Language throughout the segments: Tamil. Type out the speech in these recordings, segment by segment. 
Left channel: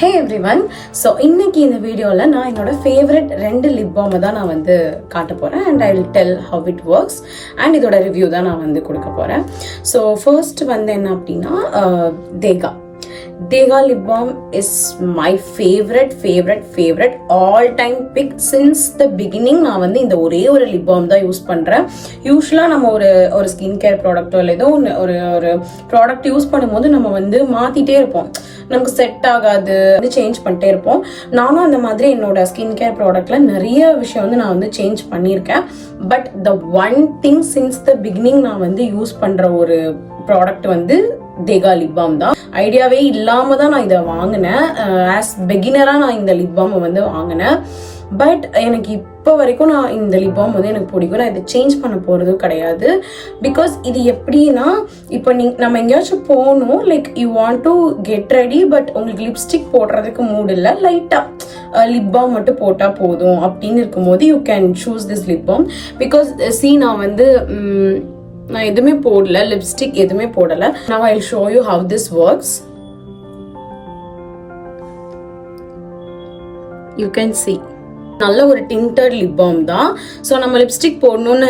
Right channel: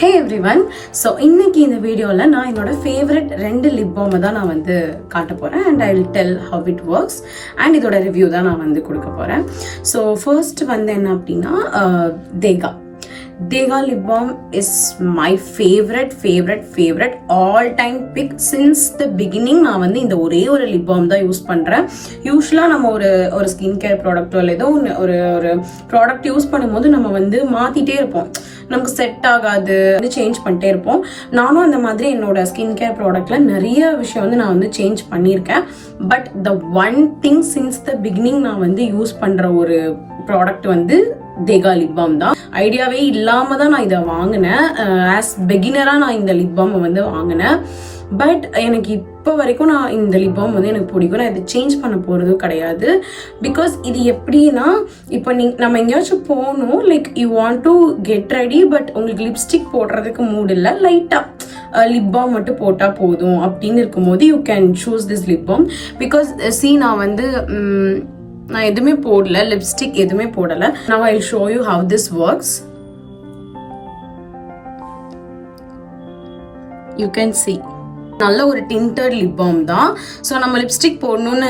Hey everyone, so இன்னைக்கு இந்த வீடியோல நான் என்னோட ஃபேவரட் 2 லிப் பாம் தான் நான் வந்து காட்ட போறேன் and I will tell how it works and இதோட ரிவ்யூ தான் நான் வந்து கொடுக்க போறேன். So first வந்து என்ன அப்படின்னா Dega lip balm is my favorite all time pick since the beginning. நான் வந்து இந்த ஒரே ஒரு லிப் பாம் தான் யூஸ் பண்றேன். யூஸ்வலா நம்ம ஒரு ஸ்கின் கேர் ப்ராடக்ட்டோ இல்லை ஏதோ ஒரு ப்ராடக்ட் யூஸ் பண்ணும்போது நம்ம வந்து மாத்திட்டே இருப்போம். நமக்கு செட் ஆகாது, சேஞ்ச் பண்ணிட்டே இருப்போம். நானும் அந்த மாதிரி என்னோட ஸ்கின் கேர் ப்ராடக்ட்ல நிறைய விஷயம் வந்து நான் வந்து சேஞ்ச் பண்ணியிருக்கேன். But the one thing since the beginning நான் வந்து யூஸ் பண்ற ஒரு ப்ராடக்ட் வந்து தேகா லிப் பாம் தான். ஐடியாவே இல்லாம தான் நான் இதை வாங்கினேன். ஆஸ் பிகினரா நான் இந்த லிப் பாம் வந்து வாங்கினேன். பட் எனக்கு இப்போ வரைக்கும் நான் இந்த லிப் பாம் வந்து எனக்கு பிடிக்கும். நான் இதை சேஞ்ச் பண்ண போறதும் கிடையாது. பிகாஸ் இது எப்படின்னா, இப்போ நம்ம எங்கேயாச்சும் போகணும், like you want to get ready, but உங்களுக்கு லிப்ஸ்டிக் போடுறதுக்கு மூட் இல்லை, லைட்டா லிப் பாம் மட்டும் போட்டா போதும் அப்படின்னு இருக்கும்போது you can choose this lip bomb. Because நான் வந்து நான் எதுவுமே போடல, லிப்ஸ்டிக் எதுவுமே போடல. Now I'll show you how this works. You can see நல்ல ஒரு டிண்டட் லிப் பாம் தான். ஸோ நம்ம லிப்ஸ்டிக் போடணும்னு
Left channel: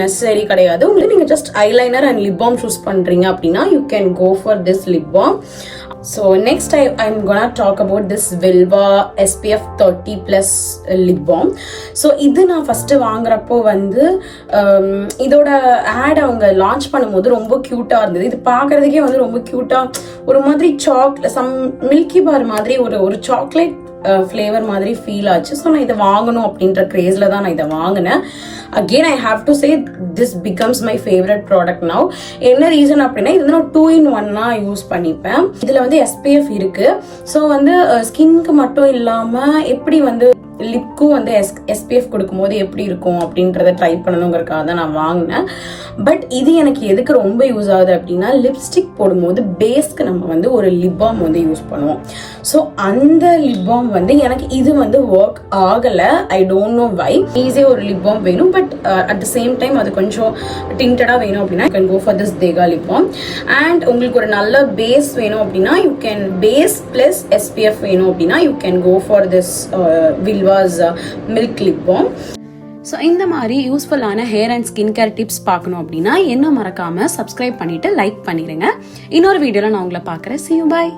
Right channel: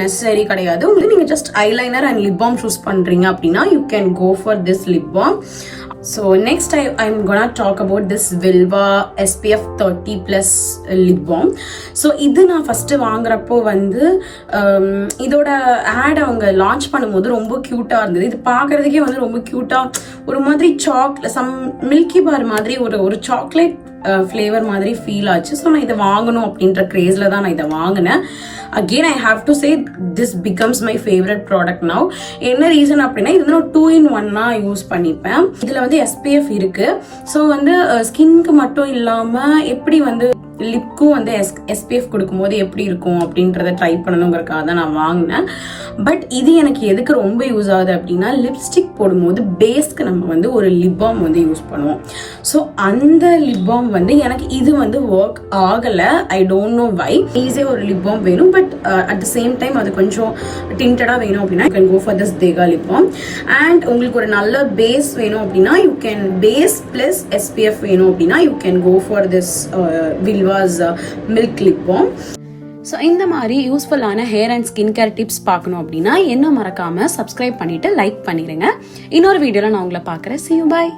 நெசசரி கிடையாது. உங்களுக்கு நீங்கள் just eyeliner and lip balm choose பண்ணுறீங்க அப்படின்னா you can go for this lip balm. So next I'm gonna talk about this Vilva SPF 30+ lip balm. So இது நான் ஃபர்ஸ்ட் வாங்குறப்போ வந்து இதோட ஆட் அவங்க லான்ச் பண்ணும்போது ரொம்ப கியூட்டா இருந்தது. இது பார்க்கறதுக்கே வந்து ரொம்ப கியூட்டா ஒரு மாதிரி சம் மில்கி பார் மாதிரி ஒரு சாக்லேட் ஃப்ளேவர் மாதிரி ஃபீல் ஆச்சு. ஸோ நான் இதை வாங்கணும் அப்படின்ற கிரேஸ்ல தான் நான் இதை வாங்கினேன். Again I have to say this becomes my favourite product now. என்ன ரீசன் அப்படின்னா இது நான் 2-in-1 யூஸ் பண்ணிப்பேன். இதுல வந்து SPF இருக்கு. ஸோ வந்து ஸ்கின்க்கு மட்டும் இல்லாம எப்படி வந்து லிப்க்கும் வந்து SPF கொடுக்கும்போது எப்படி இருக்கும் அப்படின்றத ட்ரை பண்ணணுங்கிறதுக்காக தான் நான் வாங்கினேன். பட் இது எனக்கு எதுக்கு ரொம்ப யூஸ் ஆகுது அப்படின்னா, லிப்ஸ்டிக் போடும்போது பேஸ்க்கு நம்ம வந்து ஒரு லிப் பாம் வந்து யூஸ் பண்ணுவோம். ஸோ அந்த லிப் பாம் வந்து எனக்கு இது வந்து ஒர்க் ஆகலை. I don't know why. ஈஸியாக ஒரு லிப் பாம் வேணும், but at the same time அது கொஞ்சம் டிண்டடாக வேணும் அப்படின்னா you can go for this தேகா லிப் பாம். அண்ட் உங்களுக்கு ஒரு நல்ல பேஸ் வேணும் அப்படின்னா you can base plus SPF வேணும் அப்படின்னா you can go for this Vilvah milk lip balm. So இந்த மாதிரி யூஸ்ஃபுல்லான hair and skin care tips பார்க்கணும் அப்படின்னா என்ன மறக்காம சப்ஸ்கிரைப் பண்ணிட்டு லைக் பண்ணிடுங்க. இன்னொரு வீடியோல நான் உங்களை பார்க்குறேன். See you, bye.